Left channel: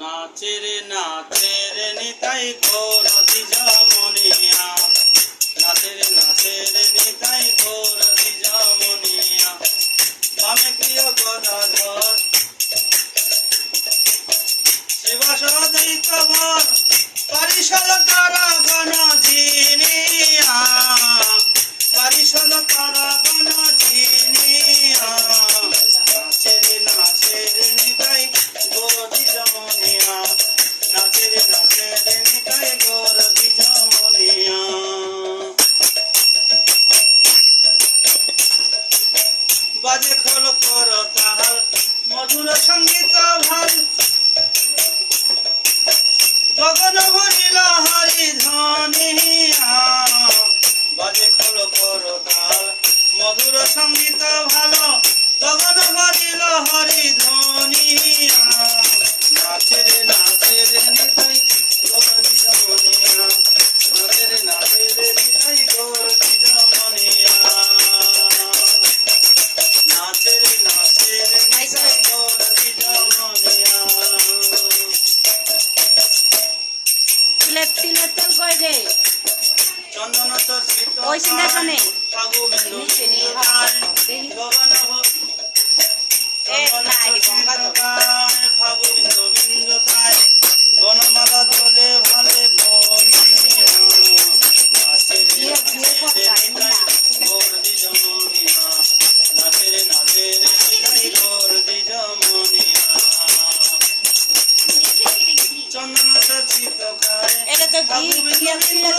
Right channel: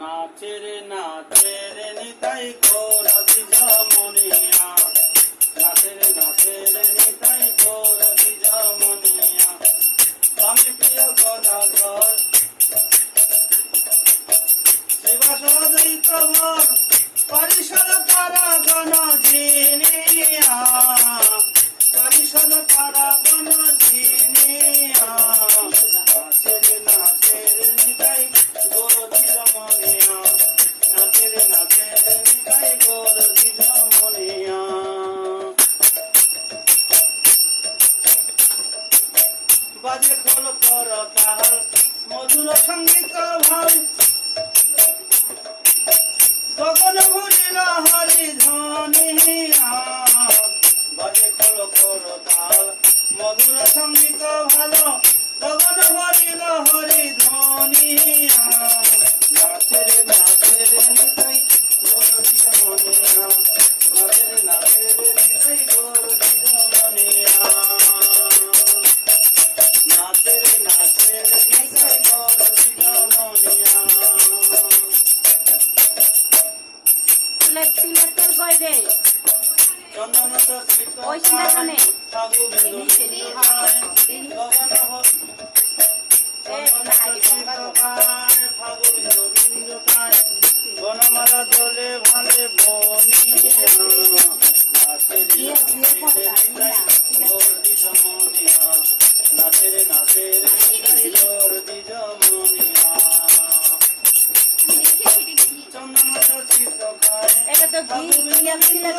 নাচে রে নিতাই গৌর দ্বিজ মনিয়া, নাচে রে নিতাই গৌর দ্বিজ মনিয়া। বামে প্রিয় গদাধর শিবাসদৈত ভর পরিষদ তারা গণ জিনিয়া, পরিষদ তারা গণ জিনিয়া। নাচে রে নিতাই গৌর দ্বিজ মনিয়া, নাচে রে নিতাই গৌর দ্বিজ মনিয়া। বাজে খোল কর তাহার মধুর সঙ্গীত ভাল, গগন ভরিল হরি ধ্বনিয়া। বাজে খোল কর তাল মধুর সঙ্গীত ভালো, গগন ভরিল হরি ধ্বনিয়া। নাচে রে নিতাই গৌর দ্বিজ মনিয়া, নাচে রে নিতাই গৌর দ্বিজ মনিয়া। নাচে রে নিতাই গৌর দ্বিজ মনিয়া। চন্দন চর্চিত ফাগু বিন্দু ফাগু বিন্দু তাই বনমালা দোলে ভালে বনিয়া। নাচে রে নিতাই গৌর দ্বিজ মনিয়া, নাচে রে নিতাই গৌর দ্বিজ মনিয়া। চন্দন চর্চিত খায় ফাগু বিন্দু